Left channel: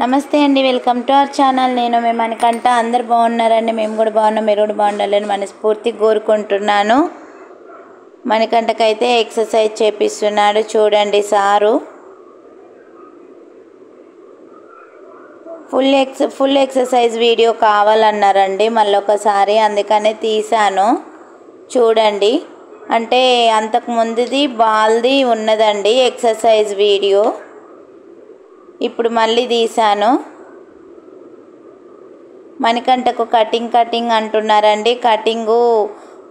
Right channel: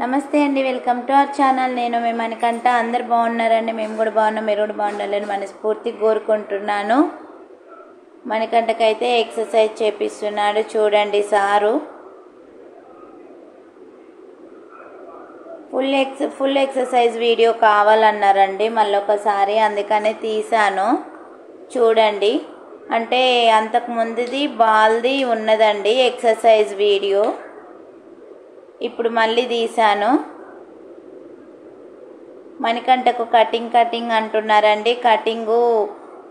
నమస్తే అండి, welcome to our channel. నేను మీ మనకంట అందరు బాగున్నారండి. మేము కూడా బాగున్నాం, మీరు కూడా బాగుండాలని మనస్ఫూర్తిగా కోరుకుంటున్నాను. మనకంటకైతే ఎక్సర్సైజ్ చేపిస్తున్నాడు చూడండి సారు. ఫుల్ ఎక్సర్సైజ్ వీడియో కావాలన్నారండి మళ్ళీ ఒకసారి, అందుకనే తీసాను చూడండి. అంటే అంతకు ముందుది బాల్ది ఉన్నదండి ఎక్సర్సైజ్ వీడియో, ఇప్పుడు మళ్ళీ తీసాను. మణికంటకు కటింగ్ అంటున్నారండి. కటింగు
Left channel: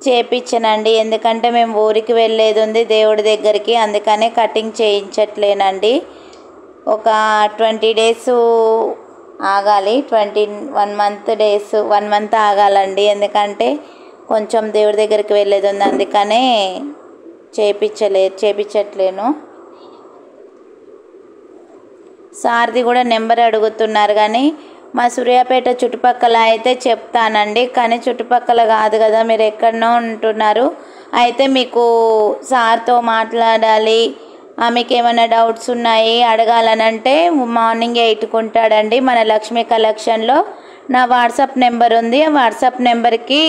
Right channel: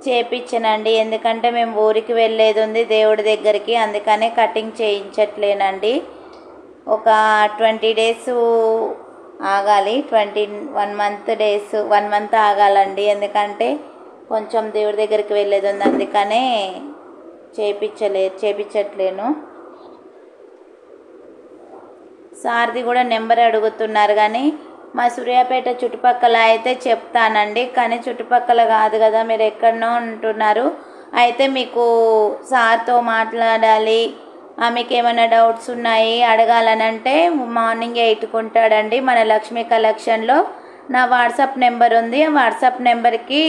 చేపించనండి, ఎందుకంటే మేము ఊరికి వెళ్ళేది ఉంది దేవుడి దగ్గరికి, అందుకనే కటింగ్ చేయించట్లేనండి. ఒక 20 డేస్ ఆగాలి, 1 మంత్ ఆగాలండి, ఎందుకంటే కొంచెం దేవుడి దగ్గరికి వెళ్ళేది ఉంది, అందుకనే చేపించట్లేను. సార్ది కూడా నెంబర్ అడుగుతున్నారు, కానీ మా సూర్యాపేట చుట్టుపక్కల అయితే చెప్తానండి, కానీ చుట్టుపక్కల కాదు కదా, మీరు ఎక్కడనో ఉంటున్నారు. అయితే మీకు సార్తో మాట్లాడాలి, మీకు ఏమైనా డౌట్స్ ఉన్నాయి అడగాలనంటే మార్నింగ్ 8కి ఉంటాడండి మన లక్ష్మీ కలెక్షన్లో. నా వాట్సాప్ నెంబర్ ఉంది, ఆ వాట్సాప్ నెంబర్కి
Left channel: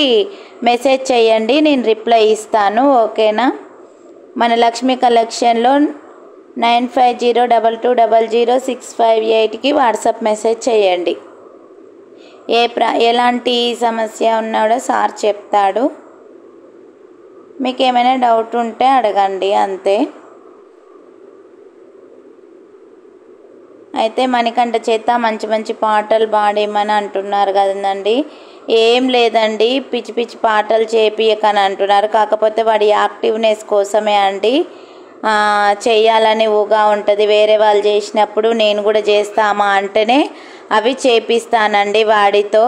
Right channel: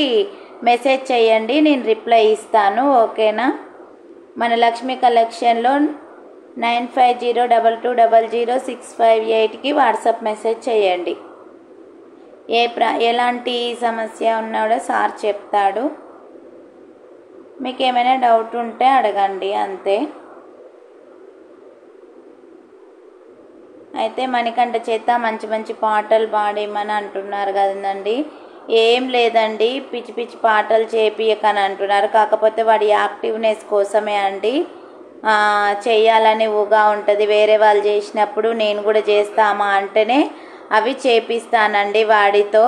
మెసేజ్ చేయండి, నేను రిప్లై ఇస్తాను, ఓకేనా. మన లక్ష్మీ కలెక్షన్లో 9502200658కి వాట్సాప్ మెసేజ్ చేయండి. ఎలాంటి సమస్య ఉన్నాడో సార్ చెప్తాడు, మీకు ఏమైనా డౌట్ ఉంటే అడగండి, అంతే. అయితే మణికంఠ చేత మంచి పాటలు పాడేయమని అంటున్నారు కదండి. ఏం లేదండి, పిచ్చి పాటలు చేపియకని అంటున్నారు, కాకపోతే వాడి యాక్టివ్నెస్ కోసమే అండి. చేయాలని ఊగా ఉంటుంది, వేరే వాళ్ళు చేసినప్పుడు నేను కూడా చేస్తామా అంటేనే అవి చేపిస్తానండి వాడితో.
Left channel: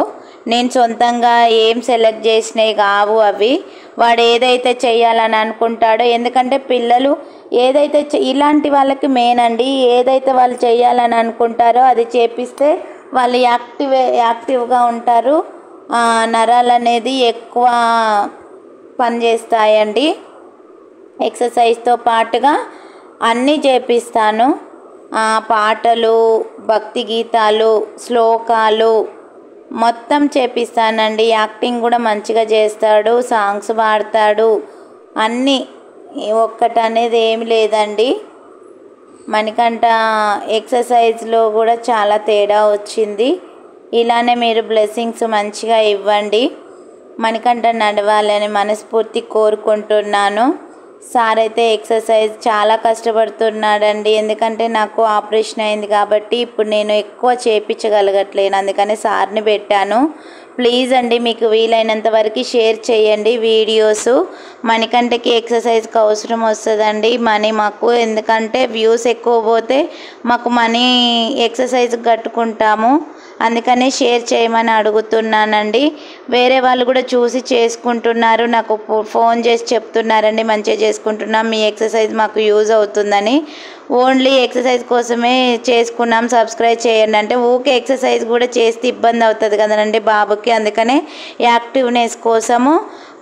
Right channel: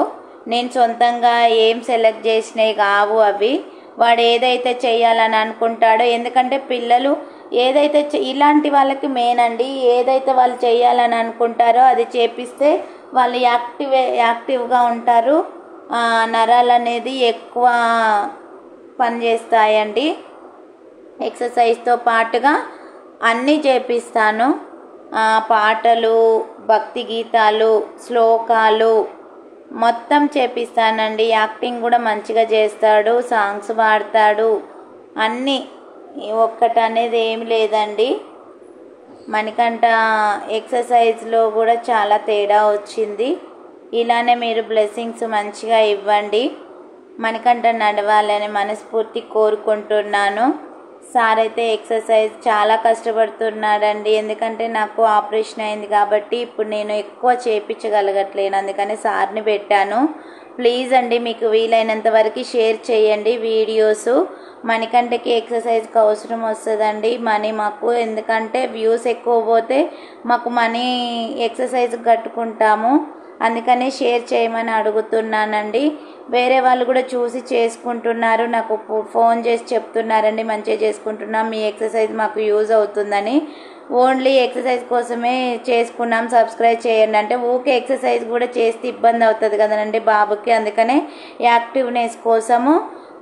నేను సొంతంగా ఏం సెలెక్ట్ చేసినవి కావు అవి, వాడు ఏదైతే చేయాలని అనుకుంటాడో, ఎందుకంటే పిల్లలు ఏదైతే ఇలాంటి వాళ్ళకి మెయిన్ అండి, ఏదైతే వాళ్ళు చేయాలని అనుకుంటారో అది చేపిస్తే వాళ్ళు యాక్టివ్గా ఉంటారు, నరాలు అనేది ఎక్కువ పనిచేస్తాయండి. ఎక్సర్సైజ్తో పాటుగా అన్నీ చేపిస్తాను, పాటలు, భక్తి గీతాలు, శ్లోకాలు మొత్తం చేపిస్తానండి. యాక్టింగ్ కూడా మంచిగా చేస్తాడు, సాంగ్స్ పాడతాడు, అన్నీ ఒక్కటనేది ఏమి లేదండి. మణికంఠ ఎక్సర్సైజ్లో కూడా చాలా తేడా వచ్చింది. ఇలానే మీరు బ్లెస్సింగ్స్ మంచిగా ఇవ్వండి, మణికంఠ నడవాలని మనస్ఫూర్తి కోరుకుంటున్నాను. సార్ అయితే ఎక్సర్సైజ్ చాలా కష్టపడుతున్నాడండి, ఎందుకంటే నాకు ఆపరేషన్ అయింది కాబట్టి ఇప్పుడు నేను ఎక్కువ చేయించగలగట్లేను, అందుకని సార్ని పెట్టాను. ప్లీజ్ అండి, మీకు వీలైనంత వరకు షేర్ చేయండి వీడియోస్. మణికంఠకి ఎక్సర్సైజ్కి అవసరం వస్తుందండి మనీ మాకు, ఎందుకంటే వ్యూస్ ఎక్కువ పోతే మాకు మనీ ఎక్సర్సైజ్ కట్టుకుంటాము, అందుకనే షేర్ చేయమని అడుగుతున్నానండి. వేరే వాళ్ళు కూడా చూసి చేసుకుంటున్నారు, నాకు ఫోన్ చేసి చెప్తున్నారండి మంచిగా చేసుకుంటున్నాం, మీ ఎక్సర్సైజ్ మాకు యూజ్ అవుతుందని. ఓన్లీ ఎక్సర్సైజ్ కోసమే చేసుకున్నాం, సబ్స్క్రైబ్ చేయండి అంటే ఊకే ఎక్సర్సైజ్ కూడా చేస్తే ఇబ్బంది అవుతుంది కదండి బాబుకి, అందుకనే యాక్టివ్నెస్ కోసము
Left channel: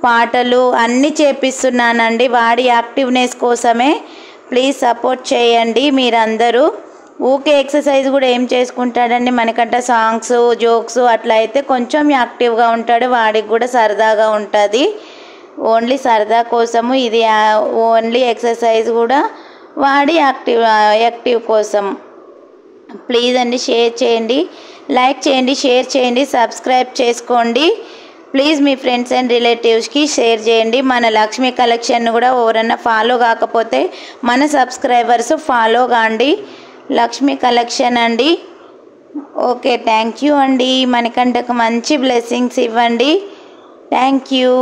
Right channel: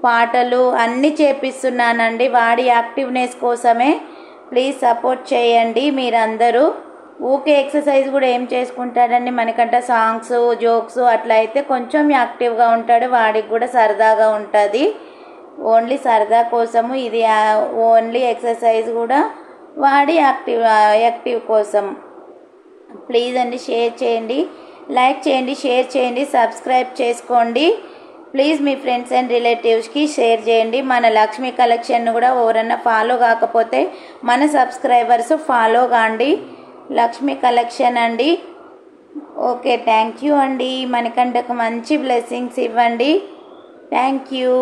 పాటలు అన్నీ చేపిస్తున్నానండి, వాడి యాక్టివ్నెస్ కోసమే. ప్లీజ్ సపోర్ట్ చేయండి మీరందరూ. ఊకే ఎక్సర్సైజ్ కూడా ఏం చేసుకుంటాడండి, మనకంటే సాంగ్స్, జోక్స్ అట్లా అయితే కొంచెం యాక్టివ్గా ఉంటాడు, వాడికి కూడా సరదాగా ఉంటుంది. ఓన్లీ సరదా కోసము ఇది, ఓన్లీ ఎక్సర్సైజ్ కూడా వాడి యాక్టివ్ కోసం. ప్లీజ్ అండి, షేర్ చేయండి, లైక్ చేయండి, షేర్ చేయండి, సబ్స్క్రైబ్ చేసుకోండి. ప్లీజ్ మీ ఫ్రెండ్స్ అండ్ రిలేటివ్స్కి షేర్ చేయండి. మన లక్ష్మీ కలెక్షన్ కూడా ఎవరన్నా ఫాలో కాకపోతే మన సబ్స్క్రైబర్స్ ఫాలో కాండి, లక్ష్మీ కలెక్షన్ అండి. ఓకే, థ్యాంక్ యూ అండి. మనకంటకు మంచి బ్లెస్సింగ్స్ ఇవ్వండి. Thank you.